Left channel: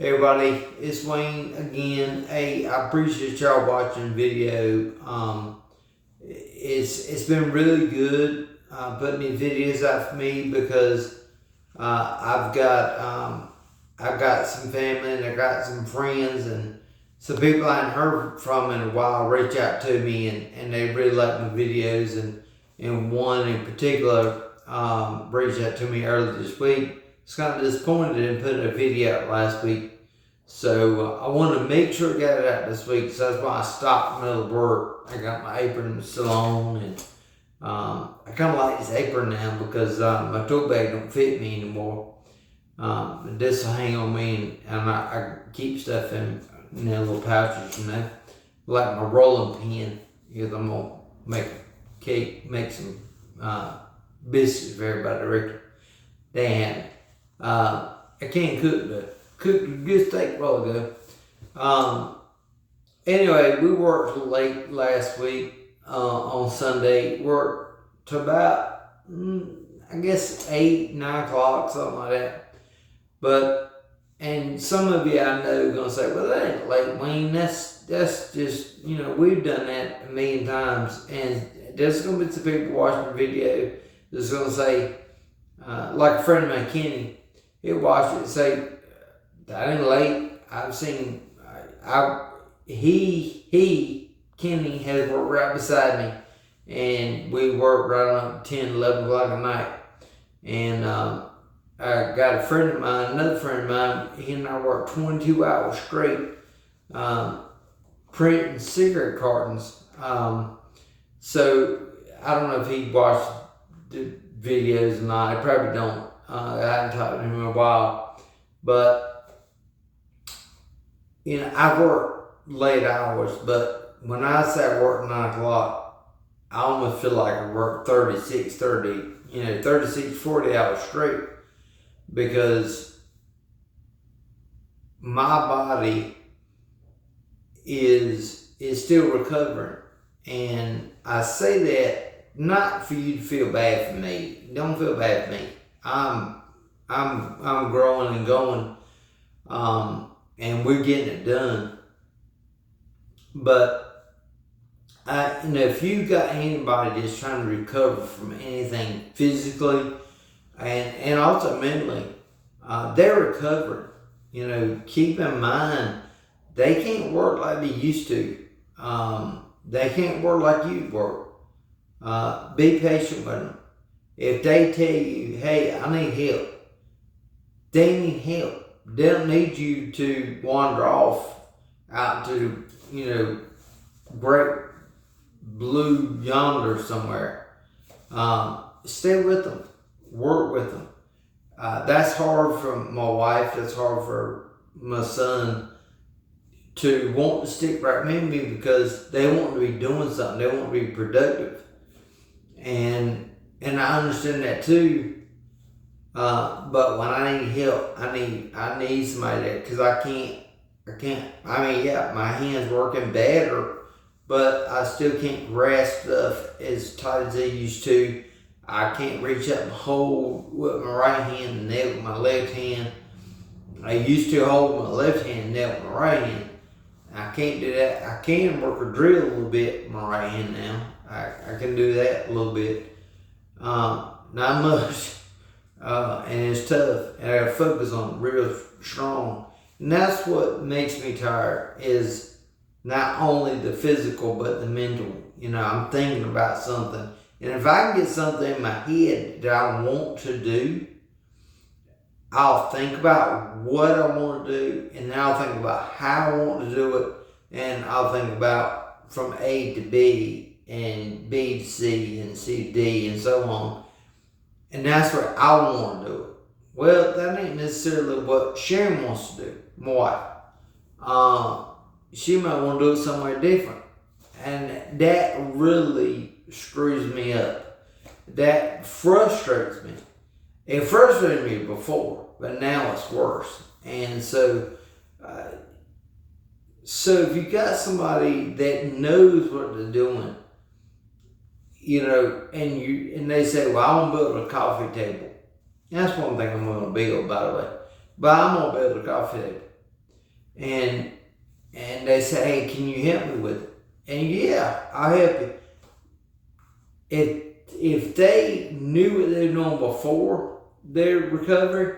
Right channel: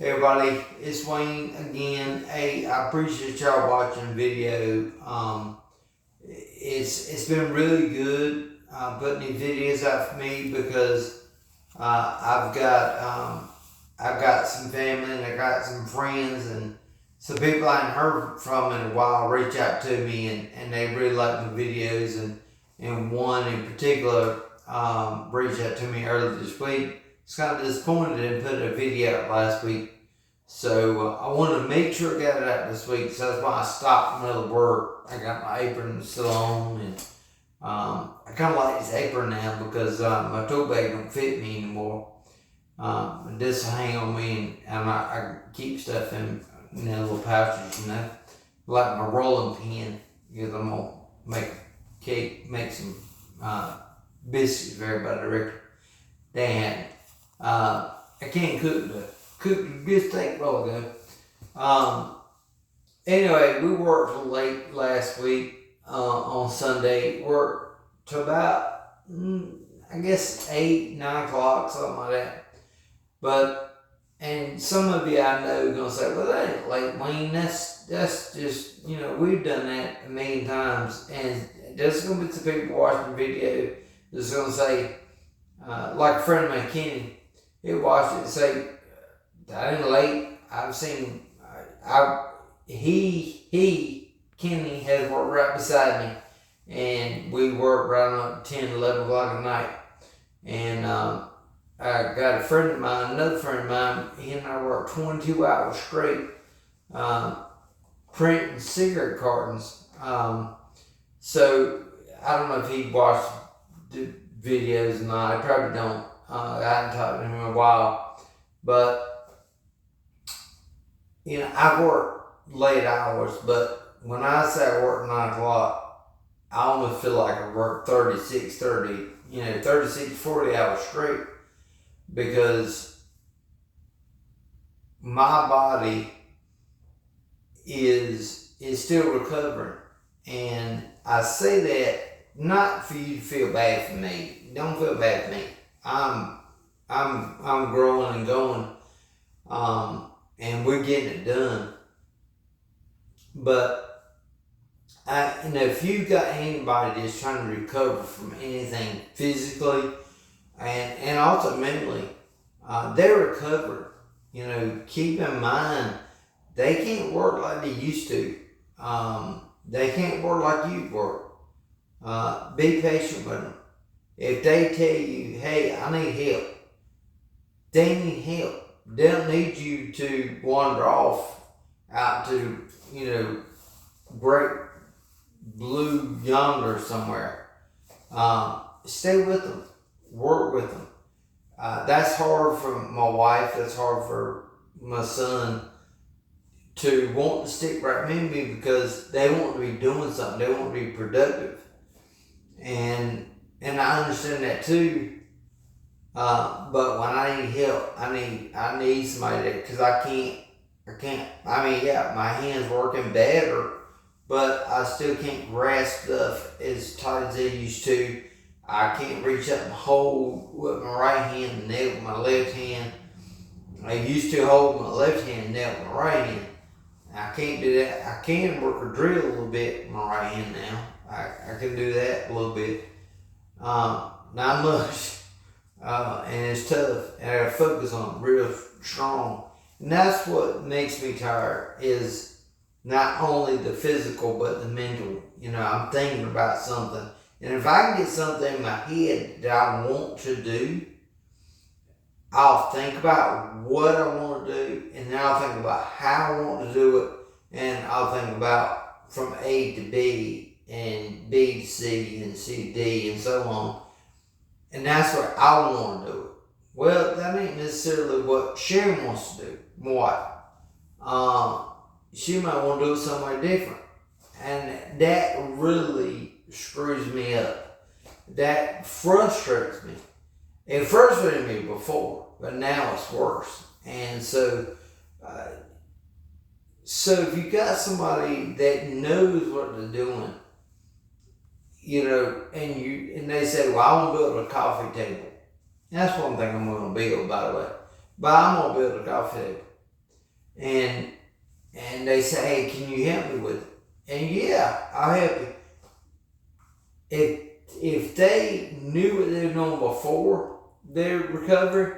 Hey everybody, it's Wayne again. Hey, I appreciate y'all watching the video. It's been really good putting these videos out for me because I've got some family and I got some friends and some people I hadn't heard from in a while reach out to me and they really like my videos and one in particular reached out to me earlier this week. It's kind of disappointed I didn't put a video out last week. So I want to make sure I got it out this week. So that's why I stopped another work. I got my apron still on, and I kind of like this apron now because my tote bag don't fit me anymore. This will hang on me, and I keep stuff in little pouches, like my rolling pin. Because I'm gonna make a cake, make some biscuits for everybody directly. They had. I can't cooked a good steak a while ago. Anyway, we worked late last week on Sunday. Worked to about, I guess, 8, 9 o'clock, something like that. And some of you I know are going to say, well, that ain't late, Wayne. That's just, we've done that a million times. And there's going to be some people watching the video that's going to say, like a friend of mine, Kenny, he'll watch it and say, that ain't late. I've seen, Kenny has worked right beside me, and we worked right on 10, 11 o'clock at night. And I got a friend of mine, another friend of mine, he and I worked 22 hours straight, printing cigarette cartons. So I don't know if he watched the videos or not. I probably don't. I haven't talked to him in a while, but I work late hours, but when I say I work 9 o'clock, I almost feel like I work 36, 40 hours straight because my body is still recovering. And I say that not for you to feel bad for me. Don't feel bad for me. I'm growing and going. And we're getting it done. But if you got anybody that's trying to recover from anything physically and also mentally, they're recovering. Keep in mind they can't work like they used to. They can't work like you work. Be patient with them. If they tell you, hey, I need help, they need help. They don't need you to wander off out to, great blue yonder somewhere. Stay with them. Work with them. That's hard for my wife. That's hard for my son to want to stick right with me because they want to be doing something. They want to be productive. And I understand that too. But when I need help, I need somebody there because I can't. My hands working better, but I still can't grasp stuff as tight as they used to. I can't reach up and hold with my right hand and nail with my left hand. I used to hold my left hand and nail with my right hand. I can't do that. I can work a drill a little bit with my right hand now. I can do that a little bit. Not much. And it's tough, and I gotta focus on it real strong. And that's what makes me tired is not only the physical, but the mental. I'm thinking about something. And if I can get something in my head that I want to do, I'll think about what I want to do, and then I'll think about how I want to do it, and I'll think about from A to B, and B to C, and C to D, and so on. And that's what I want to do it. Well, that ain't necessarily what Sharon wants to do, my wife. She might want to do it somewhere different. And that really screws me up. That frustrates me. It frustrated me before, but now it's worse. And so if you got somebody that knows what they're doing, and they say, well, I want to build a coffee table. And that's one thing I'm going to build, by the way. But I'm going to build a coffee table. and they say, hey, can you help me with it? And yeah, I'll help you. If they knew what they were doing before their recovery,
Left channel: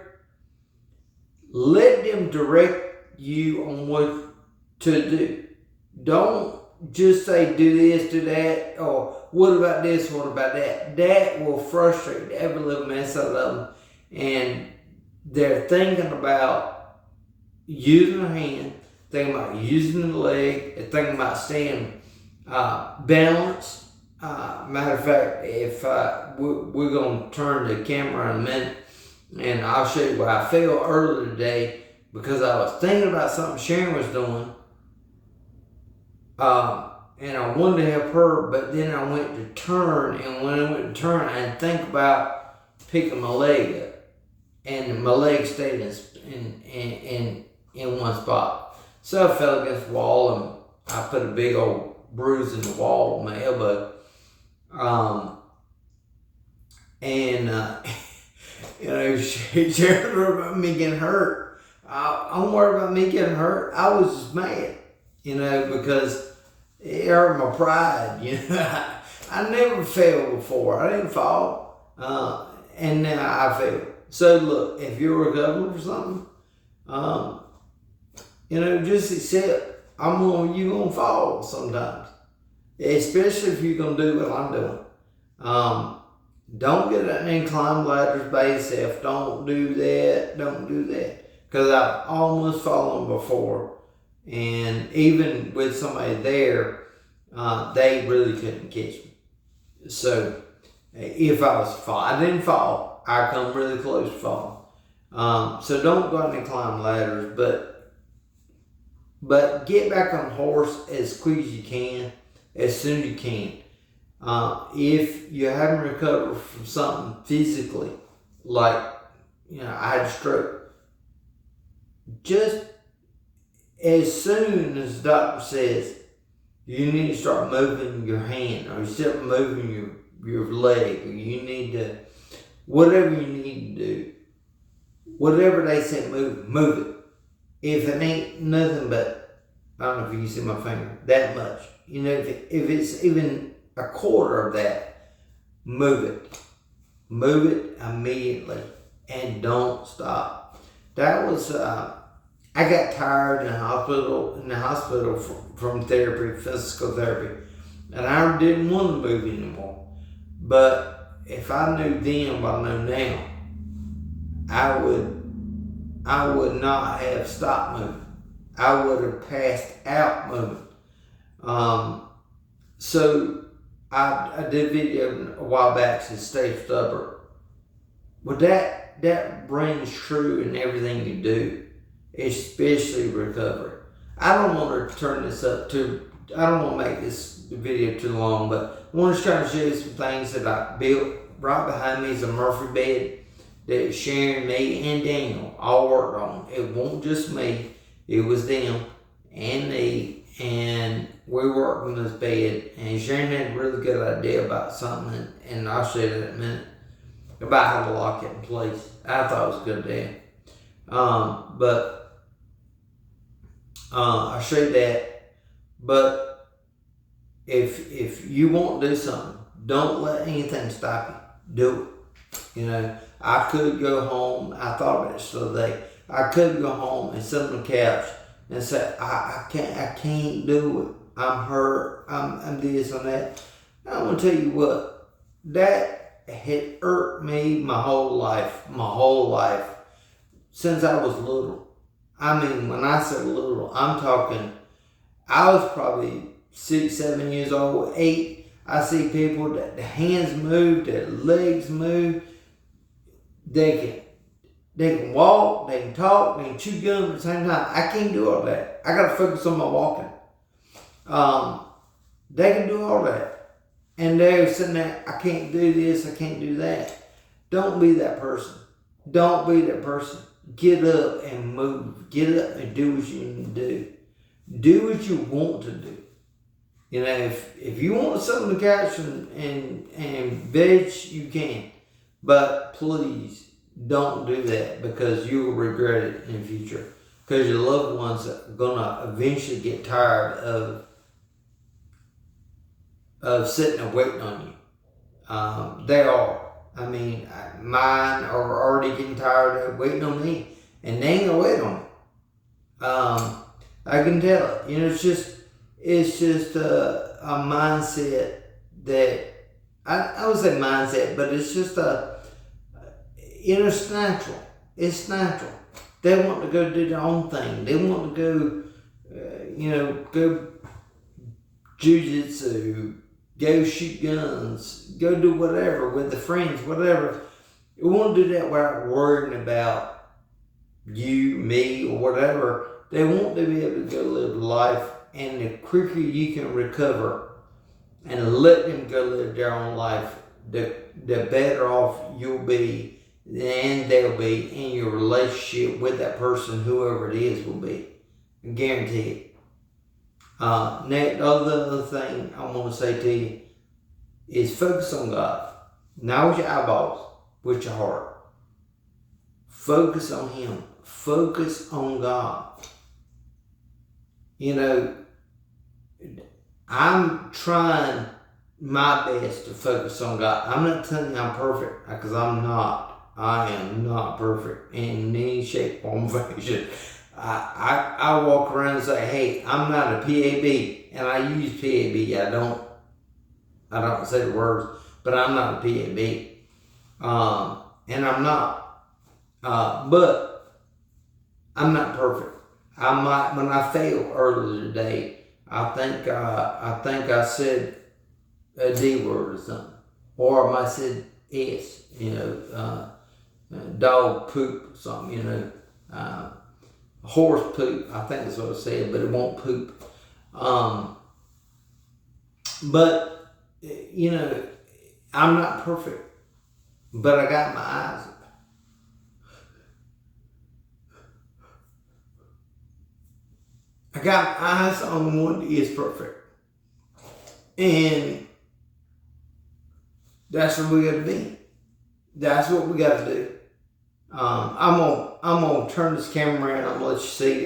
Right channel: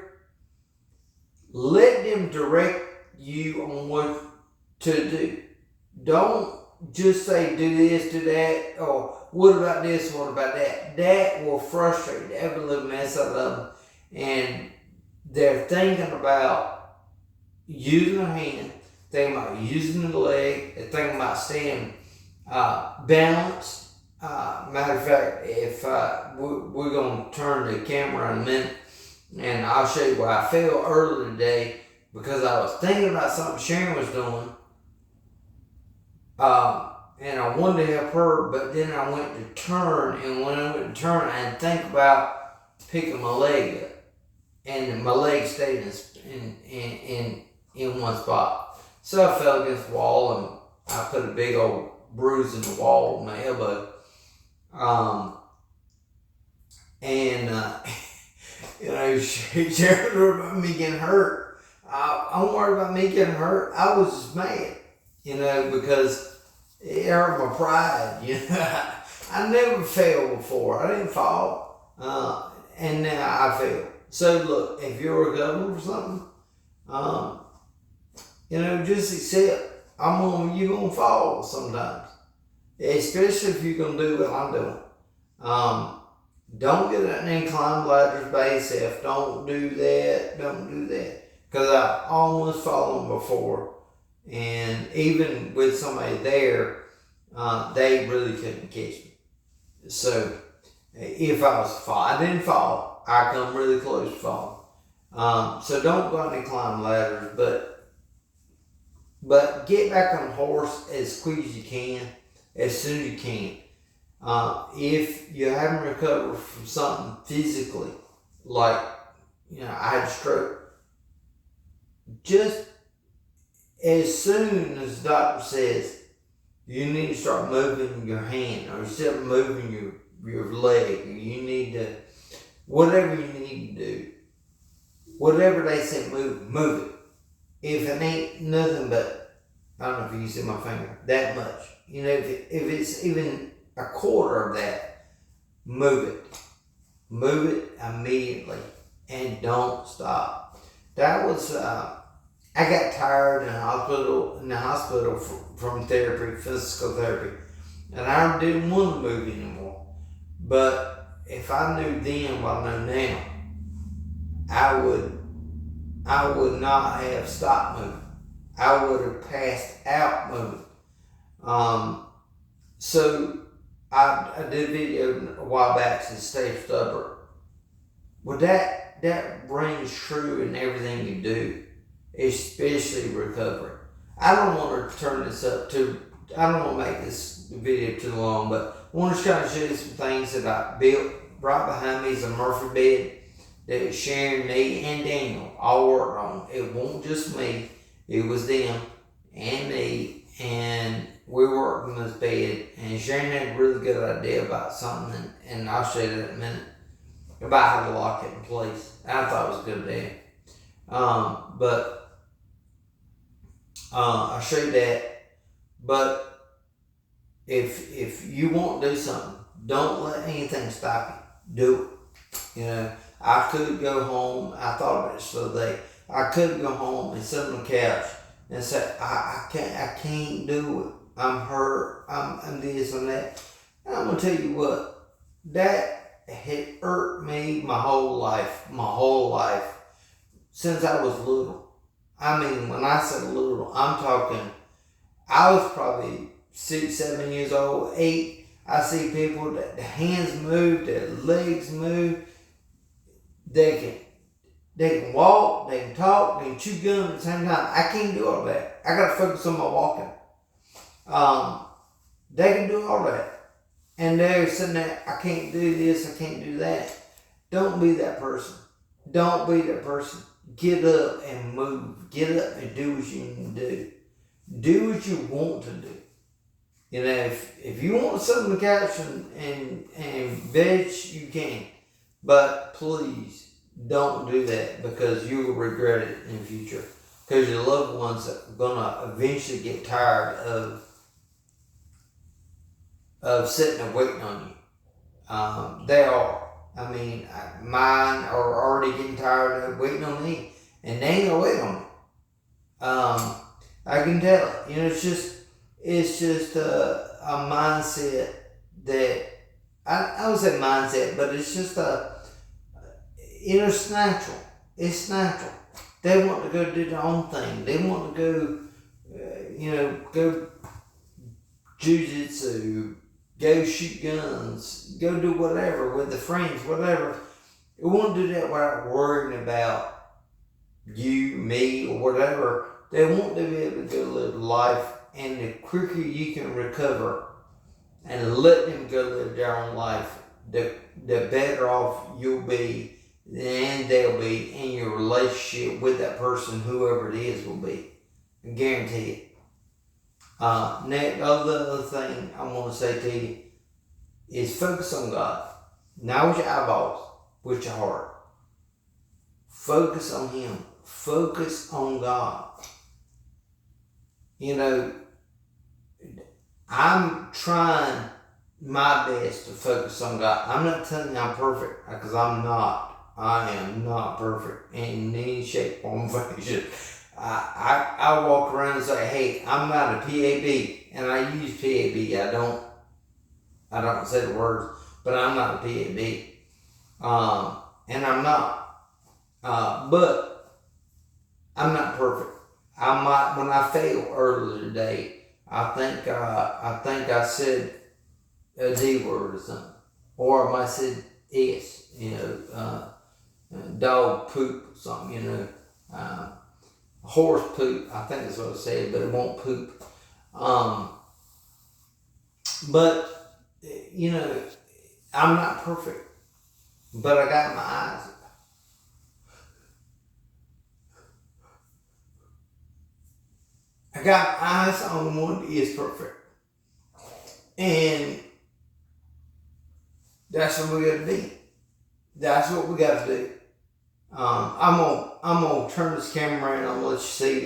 let them direct you on what to do. Don't just say do this, do that, or what about this, what about that. That will frustrate every little mess out of them. And they're thinking about using their hand, thinking about using the leg, they're thinking about staying balanced. Matter of fact, if we're going to turn the camera in a minute, and I'll show you where I fell earlier today because I was thinking about something Sharon was doing, and I wanted to help her, but then I went to turn, and when I went to turn, I didn't think about picking my leg up, and my leg stayed in one spot. So I fell against the wall, and I put a big old bruise in the wall with my elbow. Sharon worried about me getting hurt. I'm worried about me getting hurt. I was just mad, because it hurt my pride. I never failed before. I didn't fall, and now I failed. So look, if you're recovering for something, just accept. You're gonna fall sometimes, especially if you're gonna do what I'm doing. Don't get an incline ladders by yourself. Don't do that. Don't do that. Because I've almost fallen before. And even with somebody there, they really couldn't catch me. So if I was to fall, I didn't fall. I come really close to falling. So don't go out and climb ladders. But get back on the horse as quick as you can, as soon as you can. If you haven't recovered from something physically, like, I had a stroke, just as soon as the doctor says you need to start moving your hand, or you start moving your leg, or you need to, whatever you need to do, whatever they say move it. If it ain't nothing but, I don't know if you can see my finger, that much. If it's even a quarter of that, move it. Move it immediately and don't stop. That was, I got tired in the hospital from therapy, physical therapy, and I didn't want to move anymore. But if I knew then what I know now, I would not have stopped moving. I would have passed out moving. So I did a video a while back to stay stubborn. But that rings true in everything you do, especially recovery. I don't want to turn this up I don't want to make this video too long, but I want to try to show you some things that I built. Right behind me is a Murphy bed that Sharon, me, and Daniel all worked on. It wasn't just me, it was them and me, and we worked on this bed, and Sharon had a really good idea about something, and I'll show you that in a minute, about how to lock it in place. I thought it was a good idea. I'll show you that. But if you want to do something, don't let anything stop you. Do it. I could go home. I thought about this the other day. I could go home and sit on the couch and say, I can't do it. I'm hurt. I'm this and that. I'm gonna tell you what, that had hurt me my whole life, since I was little. I mean, when I say little, I'm talking, I was probably 6, 7 years old, 8. I see people that the hands move, their legs move. They can walk, they can talk, they can chew gum at the same time. I can't do all that. I gotta focus on my walking. They can do all that. And they're sitting there, I can't do this, I can't do that. Don't be that person. Don't be that person. Get up and move. Get up and do what you need to do. Do what you want to do. If you want to sit on the couch and veg, you can. But please don't do that, because you will regret it in the future. because your loved ones are gonna eventually get tired of sitting and waiting on you. They are. I mean, mine are already getting tired of waiting on me, and they ain't gonna wait on me. I can tell it. You know, it's just a mindset that I would say mindset, but it's just it's natural. It's natural. They want to go do their own thing. They want to go, go jiu-jitsu, go shoot guns, go do whatever with the friends, whatever. They want to do that without worrying about you, me, or whatever. They want to be able to go live life, and the quicker you can recover and let them go live their own life, the better off you'll be, and they'll be, in your relationship with that person, whoever it is will be. I guarantee it. The other thing I want to say to you is focus on God. Not with your eyeballs, with your heart. Focus on Him. Focus on God. You know, I'm trying my best to focus on God. I'm not telling you I'm perfect, because I'm not. I am not perfect in any shape, form, fashion. I walk around and say, hey, I'm not a PAB, and I use PAB. I don't say the words, but I'm not a PAB. And I'm not. But I'm not perfect. I might, when I failed earlier today, I think I said a D word or something, or I might have said S, dog poop or something, horse poop, I think that's what I said, but it won't poop. But I'm not perfect, but I got my eyes. I got my eyes on the one that is perfect. And that's what we got to be. That's what we got to do. I'm gonna turn this camera around. I'm gonna let you see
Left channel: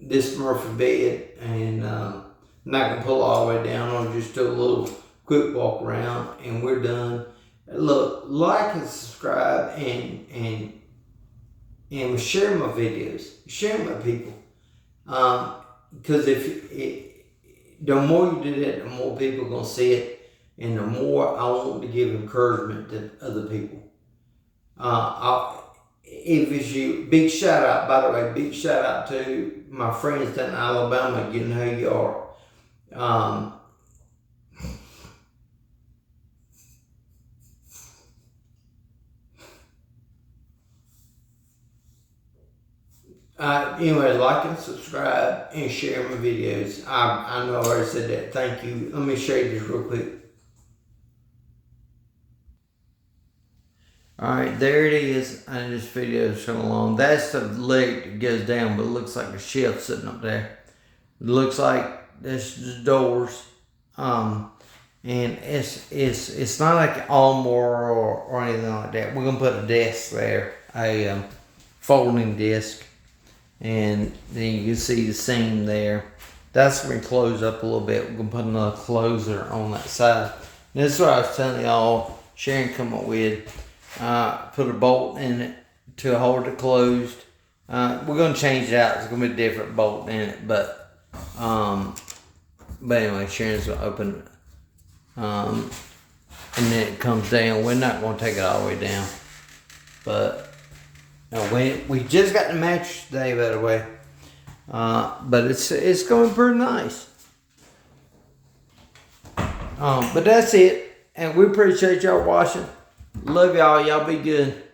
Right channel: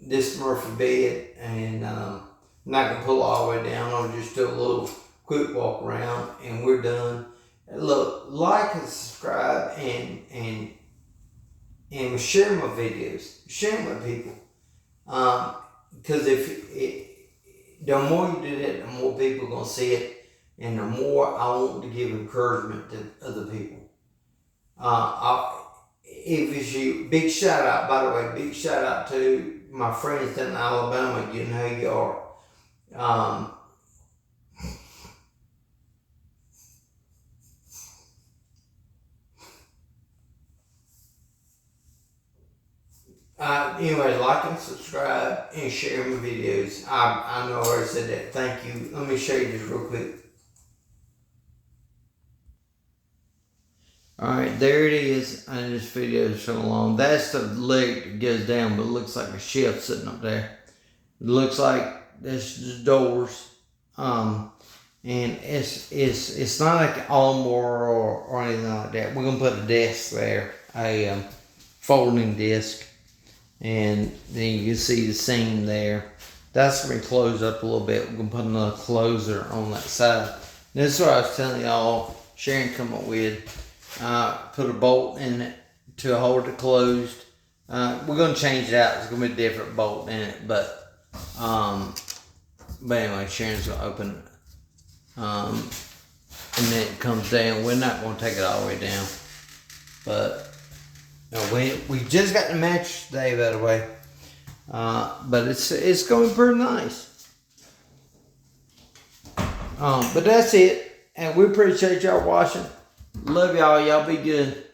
this Murphy bed, and I'm not gonna pull it all the way down. I'll just do a little quick walk around, and we're done. Look, like and subscribe, and share my videos, share my people. Because the more you do that, the more people are gonna see it, and the more I want to give encouragement to other people. If it's you, big shout out, by the way, big shout out to my friends down in Alabama, you know who you are. Anyway, like and subscribe and share my videos. I know I already said that. Thank you. Let me show you this real quick. Alright, there it is. And this video is so long. That's the leg that goes down, but it looks like a shelf sitting up there. It looks like that's the doors. And it's not like an armoire or anything like that. We're gonna put a desk there, a folding desk, and then you can see the seam there. That's gonna be closed up a little bit. We're gonna put another closer on that side. And this is what I was telling y'all. Sharon come up with. Put a bolt in it to hold it closed. We're gonna change it out. It's gonna be a different bolt in it, but anyway, Sharon's gonna open it. And then it comes down. We're not gonna take it all the way down, but we just got the mattress today, by the way. But it's going pretty nice. But that's it, and we appreciate y'all watching. Love y'all. Y'all be good.